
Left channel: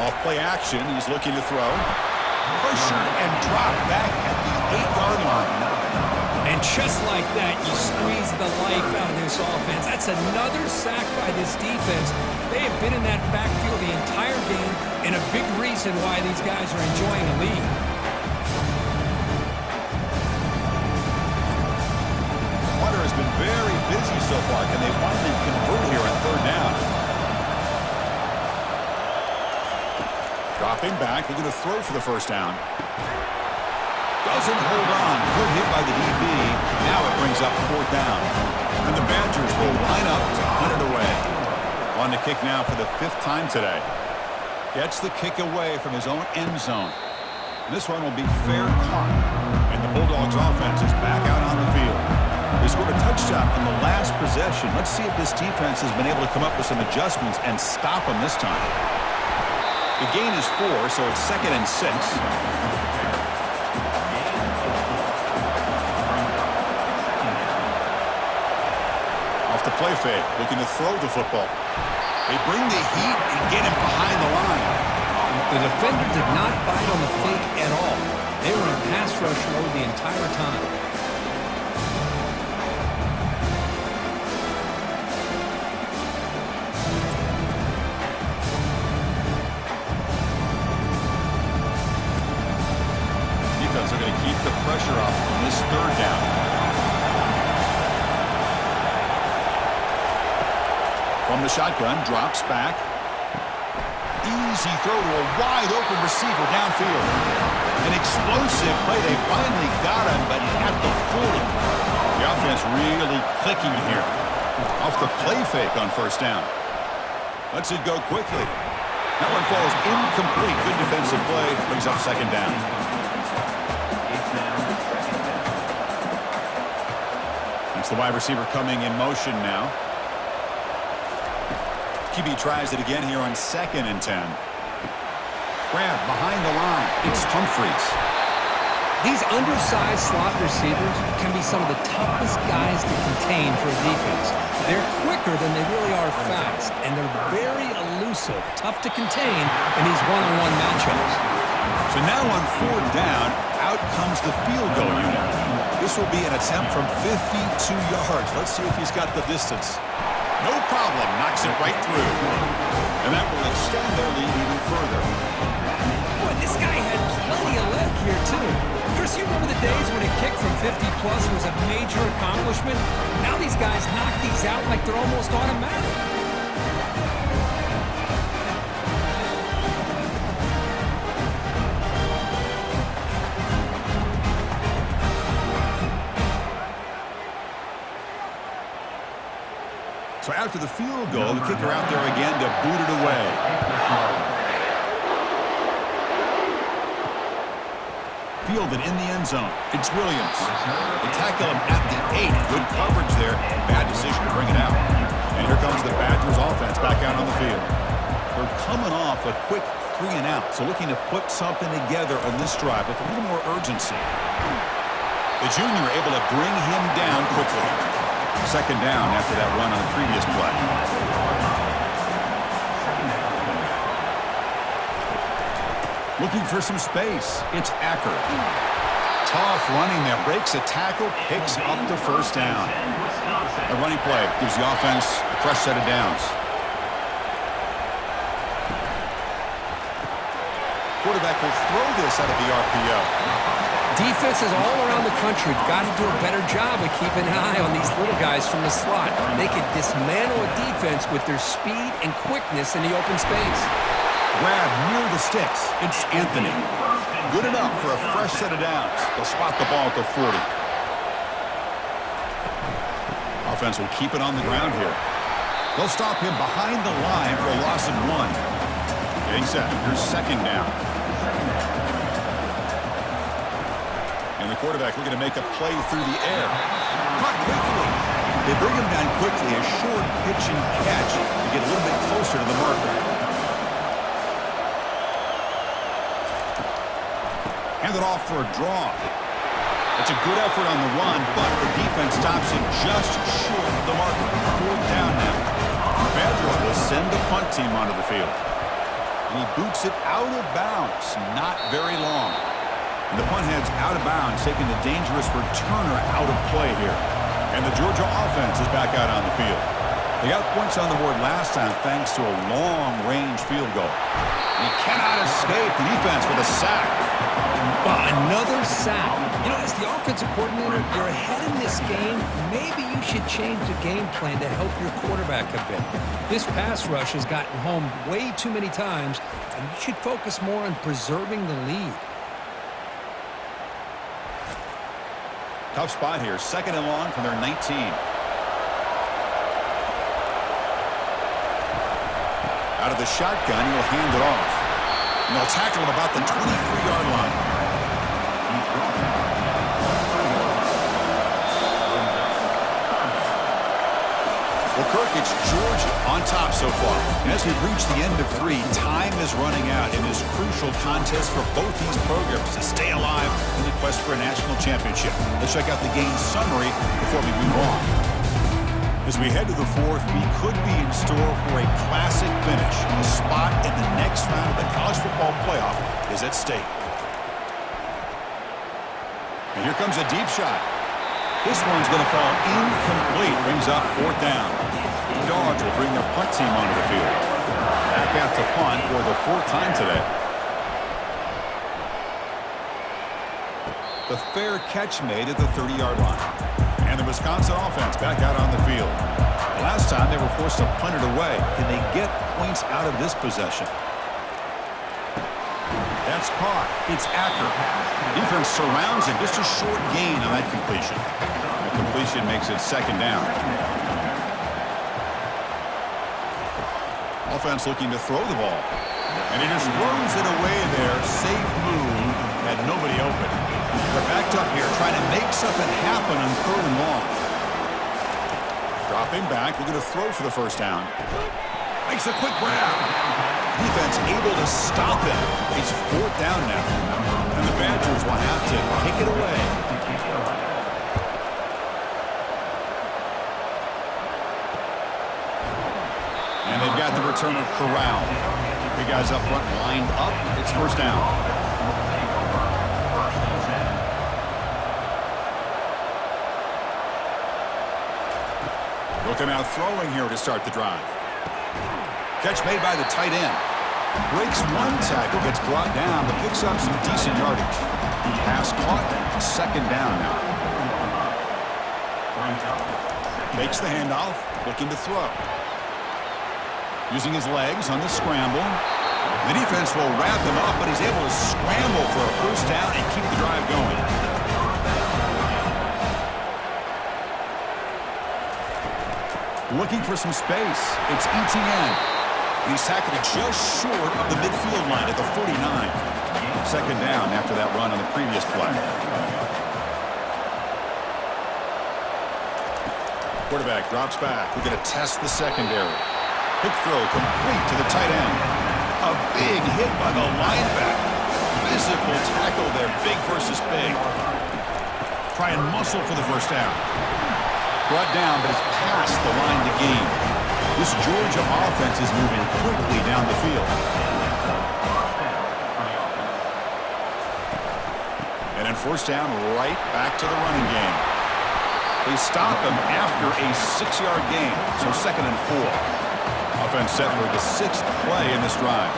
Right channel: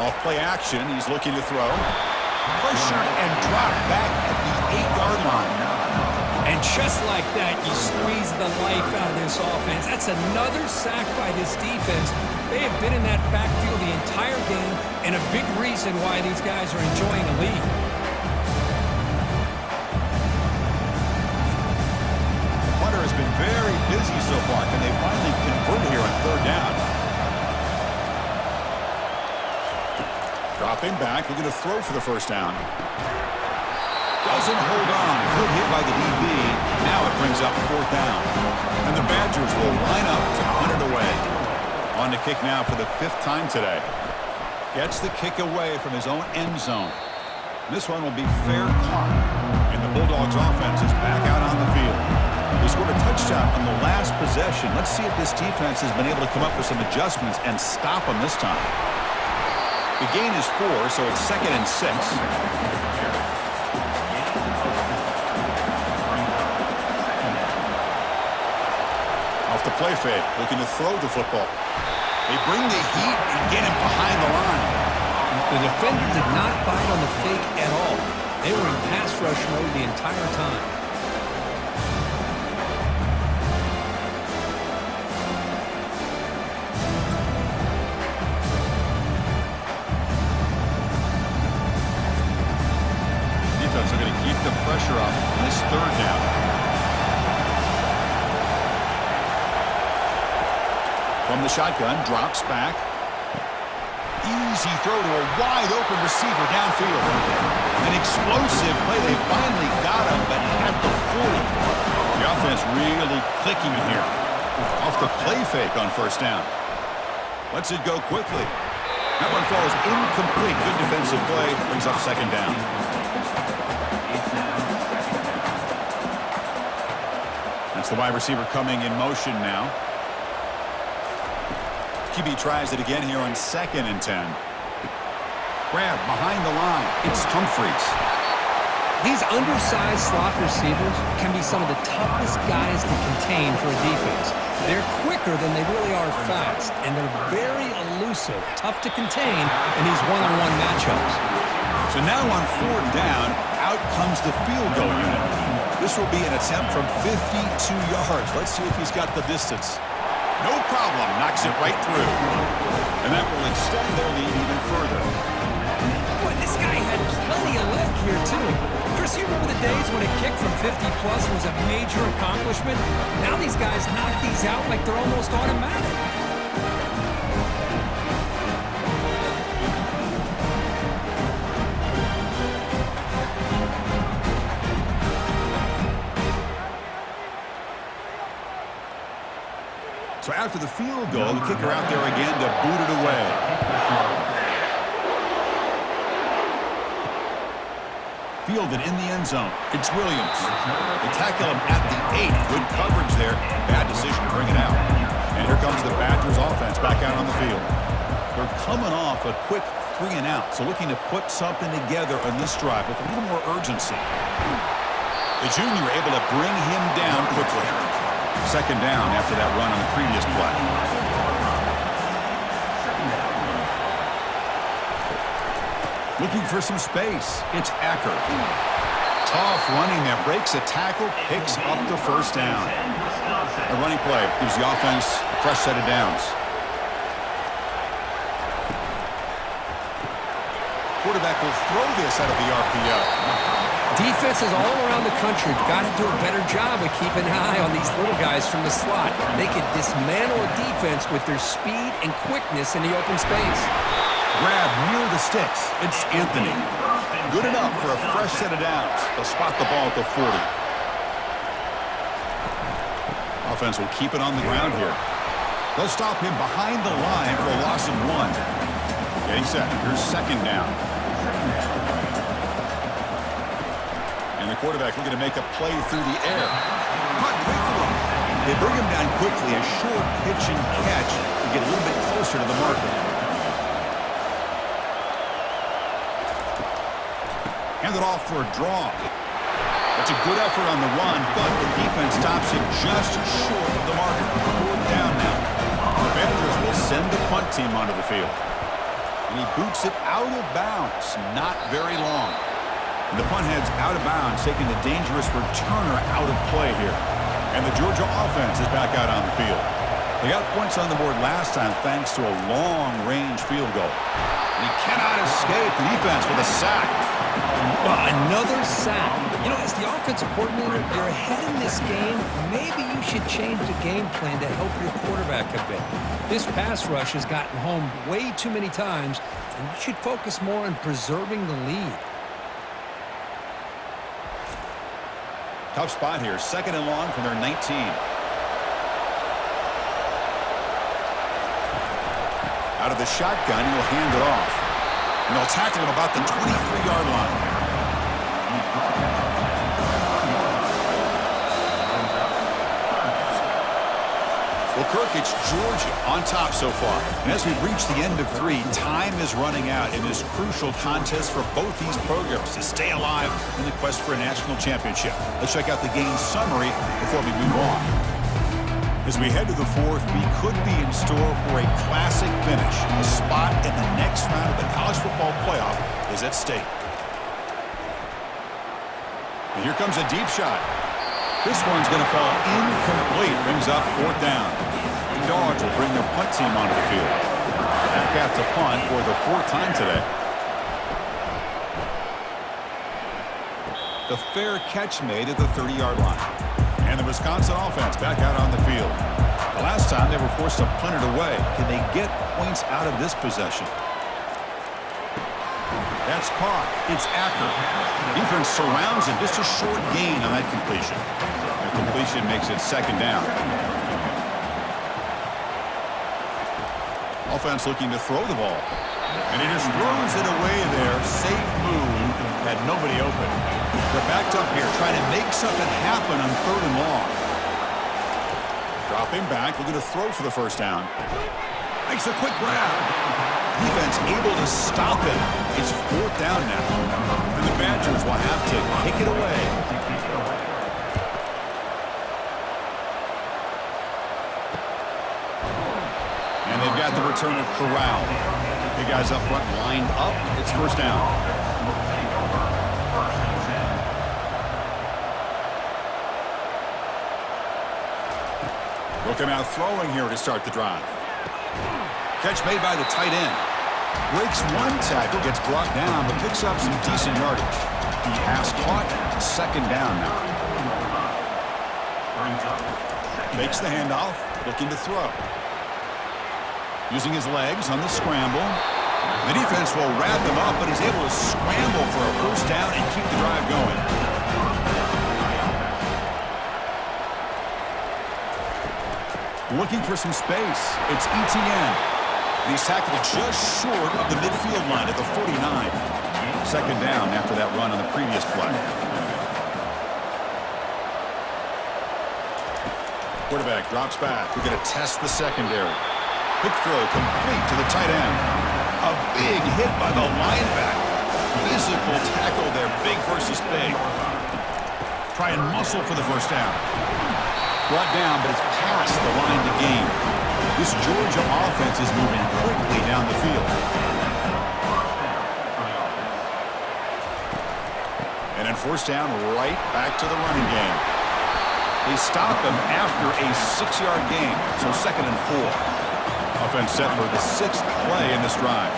Off play action, he's looking to throw. Pressured and dropped back at the 8-yard line. And just like that, you squeeze the life out of this offense. That's another sack by this defense. They have been in that backfield the entire game, and a big reason why these guys are enjoying a lead. Hunter has been very busy so far. Can they finally convert here on third down? Dropping back, looking to throw for the first down. Doesn't hold on. Good hit by the DB. Now it brings up fourth down. And the Badgers will line up to punt it away. On to kick now for the 5th time today. Gets the kick away from his own end zone. This one will be fair caught. And the Bulldogs offense is back out on the field. They scored a touchdown on the last possession. Let's see if this defense has been able to come up with some adjustments and stop them this time. The gain is 4, so it's 2nd and 6. Off the play fake, looking to throw the football. They bring the heat and get him behind the line. The defender did not bite on the fake at all. They were in pass rush mode the entire time. Defense are going to keep the pressure up on this third down. From the shotgun, drops back. Easy throw to a wide-open receiver downfield. An explosive play. They finally got him, but at the 40. The offense really clicking here. Off the play fake on first down. Lets it go quickly. That one falls incomplete. Good defensive play. Brings up second down. That's the wide receiver coming in motion now. QB tries it again here on 2nd and 10. Grab behind the line. It's Humphreys. These undersized slot receivers can be some of the toughest guys to contain for a defense. They're quicker than they really are fast, and they're very elusive, tough to contain in these one-on-one matchups. So now on 4th down, out comes the field goal unit. This will be an attempt from 52 yards. Let's see if he's got the distance. No problem, knocks it right through. And that will extend their lead even further. Boy, this guy had plenty of leg here, too. Chris, you remember the days when a kick from 50-plus was a major accomplishment? Now these guys knock these out like they're almost automatic. So after the field goal, the kicker out there again to boot it away. Fielded in the end zone. It's Williams. They tackle him at the 8. Good coverage there. Bad decision to bring it out. And here comes the Badgers offense back out on the field. They're coming off a quick 3 and out, so looking to put something together on this drive with a little more urgency. The junior able to bring him down quickly. Second down after that run on the previous play. Looking for some space. It's Acker. Tough running there. Breaks a tackle. Picks up the first down. A running play gives the offense a fresh set of downs. Quarterback will throw this out of the RPO. Defenses all around the country have got to do a better job of keeping an eye on these little guys from the slot. They can dismantle a defense with their speed and quickness in the open space. Grab near the sticks. It's Anthony. Good enough for a fresh set of downs. They'll spot the ball at the 40. Offense will keep it on the ground here. They'll stop him behind the line for a loss of 1. Getting set. Here's second down. And the quarterback looking to make a play through the air. Caught quickly. They bring him down quickly. A short pitch and catch to get a little bit closer to the marker. Handed off for a draw. That's a good effort on the run, but the defense stops him just short of the marker. 4th down now. The Badgers will send the punt team onto the field. And he boots it out of bounds. Not very long. And the punt heads out of bounds, taking the dangerous returner out of play here. And the Georgia offense is back out on the field. They got points on the board last time thanks to a long-range field goal. And he cannot escape the defense with a sack. Well, another sack. You know, as the offensive coordinator, you're ahead in this game. Maybe you should change the game plan to help your quarterback a bit. This pass rush has gotten home way too many times, and you should focus more on preserving the lead. Tough spot here. 2nd and long from their 19. Out of the shotgun, he'll hand it off. And they'll tackle him about the 23-yard line. Well, Kirk, it's Georgia on top so far. And as we've reached the end of 3, time is running out in this crucial contest for both these programs to stay alive in the quest for a national championship. Let's check out the game summary before we move on. As we head to the 4th, we could be in store for a classic finish. A spot in the next round of the college football playoff is at stake. And here comes a deep shot. This one's going to fall incomplete. Brings up 4th down. The Dogs will bring their punt team onto the field. Back out to punt for the 4th time today. The fair catch made at the 30-yard line. And the Wisconsin offense back out on the field. The last time they were forced to punt it away. Can they get points out of this possession? That's caught. It's Acker. Defense surrounds him. Just a short gain on that completion. That completion makes it 2nd down. Offense looking to throw the ball. And he just throws it away there. Safe move. Had nobody open. They're backed up here trying to make something happen on 3rd and long. Dropping back. Looking to throw for the 1st down. Makes a quick grab. Defense able to stop him. It's 4th down now. And the Badgers will have to kick it away. And they've got the returner corralled. Big guys up front lined up. It's 1st down. They'll come out throwing here to start the drive. Catch made by the tight end. Breaks one tackle, gets brought down, but picks up some decent yardage. Pass caught, 2nd down now. Makes the handoff, looking to throw. Using his legs on the scramble. The defense will wrap him up, but he's able to scramble for a 1st down and keep the drive going. Looking for some space. It's Etienne. And he's tackled just short of the midfield line at the 49. 2nd down after that run on the previous play. Quarterback drops back. We're going to test the secondary. Quick throw complete to the tight end. A big hit by the linebacker. Physical tackle there, big versus big. Try and muscle for the 1st down. Brought down, but it's past the line to gain. This Georgia offense is moving quickly down the field. And then 1st down, right back to the running game. They stop him after a 6-yard gain, so 2nd and 4. Offense set for the 6th play in this drive.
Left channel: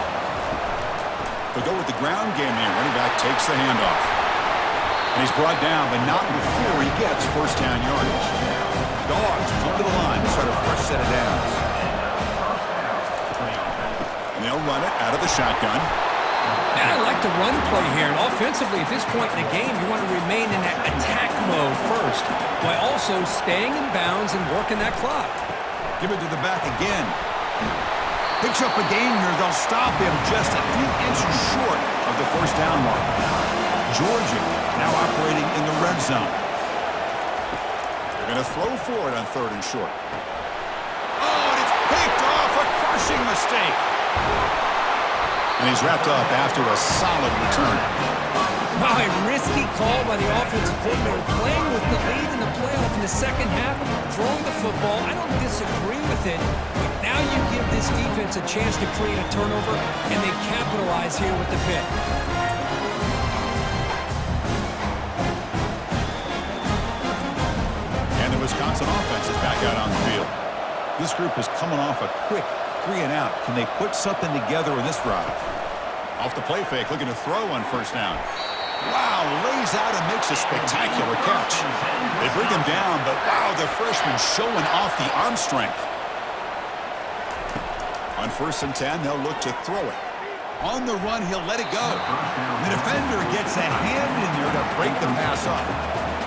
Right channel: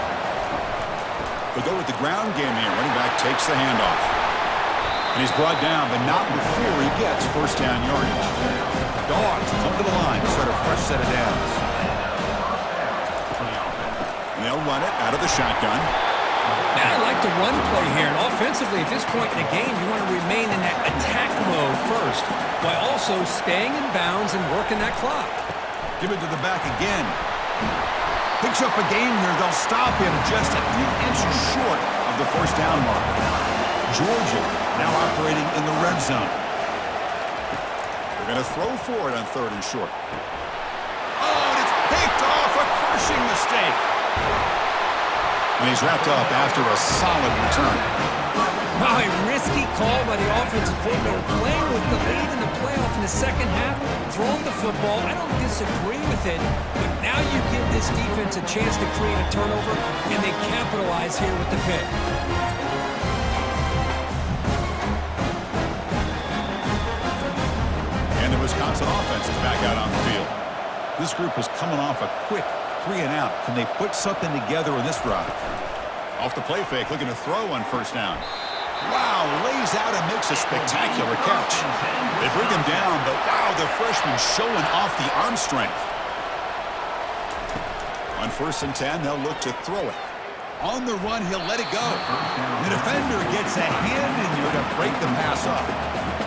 They'll go with the ground game here. Running back takes the handoff. And he's brought down, but not before he gets 1st down yardage. Dogs come to the line to start a fresh set of downs. And they'll run it out of the shotgun. Now, I like the run play here, and offensively at this point in the game, you want to remain in that attack mode first, while also staying in bounds and working that clock. Give it to the back again. Picks up a gain here. They'll stop him just a few inches short of the first down marker. Georgia now operating in the red zone. They're going to throw for it on 3rd and short. Oh, and it's picked off. A crushing mistake. And he's wrapped up after a solid return. Wow, a risky call by the offensive coordinator, playing with the lead in the playoff in the second half, throwing the football. I don't disagree with it, but now you give this defense a chance to create a turnover, and they capitalize here with the pick. And the Wisconsin offense is back out on the field. This group is coming off a quick 3-and-out. Can they put something together in this drive? Off the play fake, looking to throw on 1st down. Wow, lays out and makes a spectacular catch. They bring him down, but wow, the freshman showing off the arm strength. On 1st and 10, they'll look to throw it. On the run, he'll let it go. The defender gets a hand in there to break the pass up.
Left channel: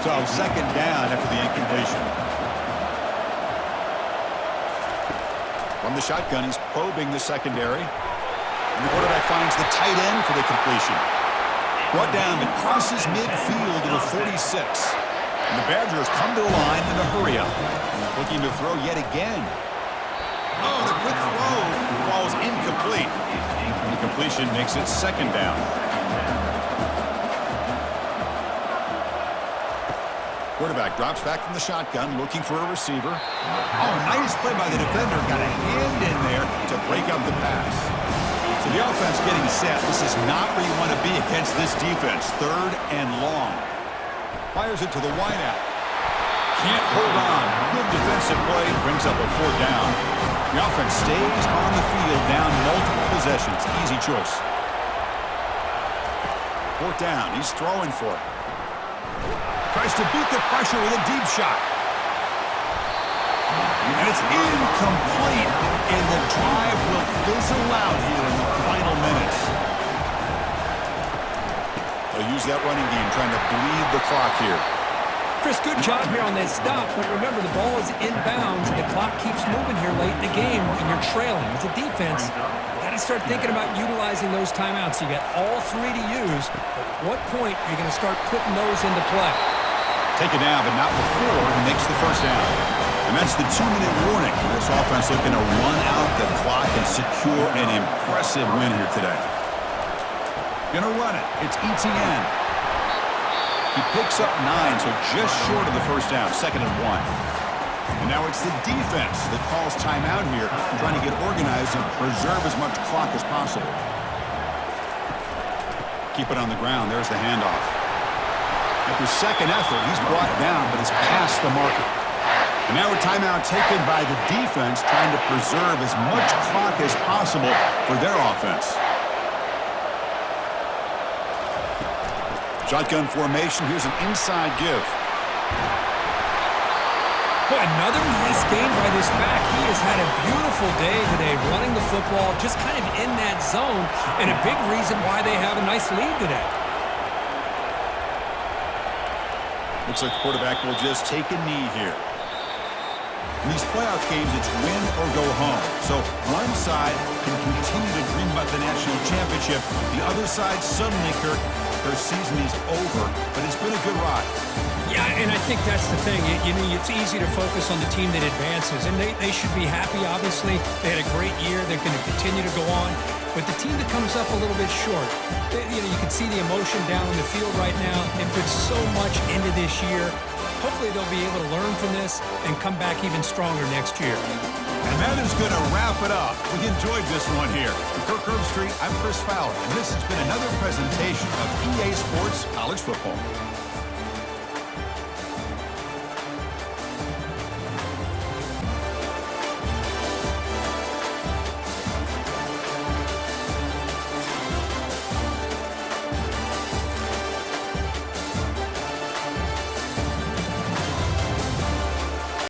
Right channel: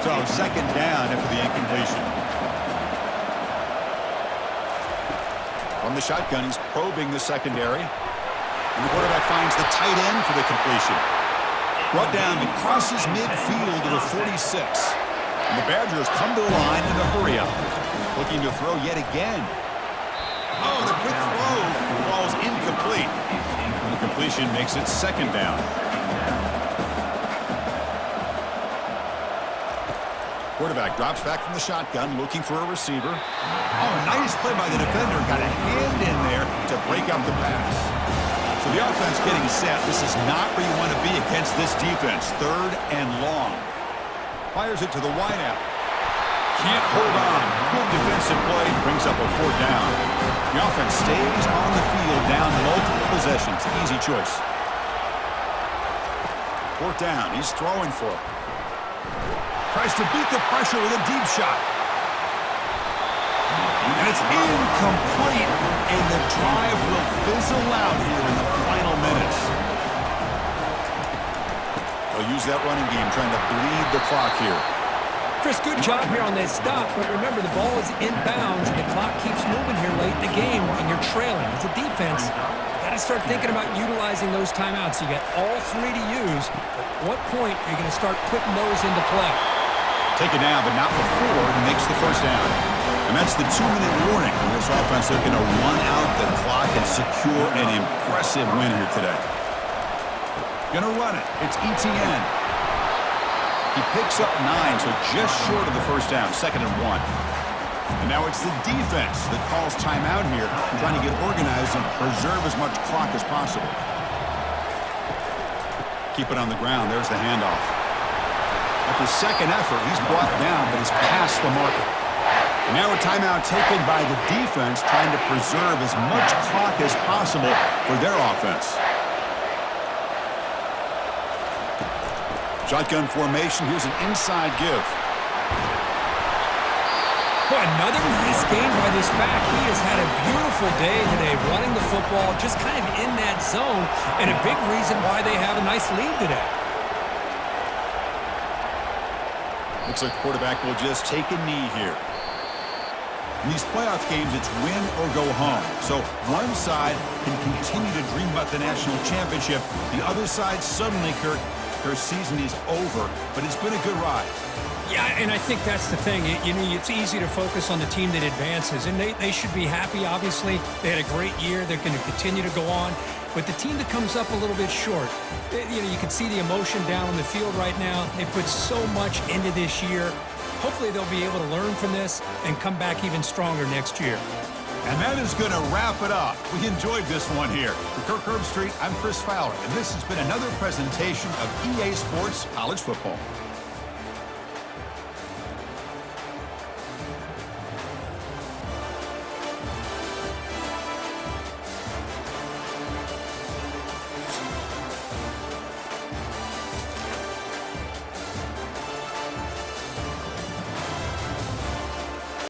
So 2nd down after the incompletion. From the shotgun, he's probing the secondary. And the quarterback finds the tight end for the completion. Brought down and crosses midfield to the 46. And the Badgers come to the line in a hurry up. Looking to throw yet again. Oh, the quick throw falls incomplete. And the completion makes it 2nd down. Quarterback drops back from the shotgun, looking for a receiver. Oh, nice play by the defender. Got a hand in there to break up the pass. So the offense getting set. This is not where you want to be against this defense. 3rd and long. Fires it to the wideout. Can't hold on. Good defensive play. Brings up a 4th down. The offense stays on the field, down multiple possessions. Easy choice. 4th down. He's throwing for it. Tries to beat the pressure with a deep shot. And it's incomplete, and the drive will fizzle out here in the final minutes. They'll use that running game, trying to bleed the clock here. Chris, good job here on that stop, but remember, the ball is inbounds, and the clock keeps moving here late in the game, and you're trailing. As a defense, you got to start thinking about utilizing those timeouts. You got all 3 to use. At what point are you going to start putting those into play? Take it down, but not before he makes the 1st down. And that's the 2-minute warning. This offense looking to run out the clock and secure an impressive win here today. Gonna run it. It's ETN. He picks up 9, so just short of the 1st down, 2nd and 1. And now it's the defense that calls timeout here, trying to get organized and preserve as much clock as possible. Keep it on the ground. There's the handoff. After 2nd effort, he's brought down, but is past the marker. And now a timeout taken by the defense, trying to preserve as much clock as possible for their offense. Shotgun formation. Here's an inside give. Boy, another nice game by this back. He has had a beautiful day today running the football, just kind of in that zone, and a big reason why they have a nice lead today. Looks like the quarterback will just take a knee here. In these playoff games, it's win or go home. So one side can continue to dream about the national championship. The other side, suddenly, Kirk, their season is over, but it's been a good ride. Yeah, and I think that's the thing. You know, it's easy to focus on the team that advances, and they should be happy, obviously. They had a great year. They're going to continue to go on. But the team that comes up a little bit short, you can see the emotion down on the field right now. They put so much into this year. Hopefully they'll be able to learn from this and come back even stronger next year. And that is going to wrap it up. We enjoyed this one here. For Kirk Herbstreit, I'm Chris Fowler, and this has been another presentation of EA Sports College Football.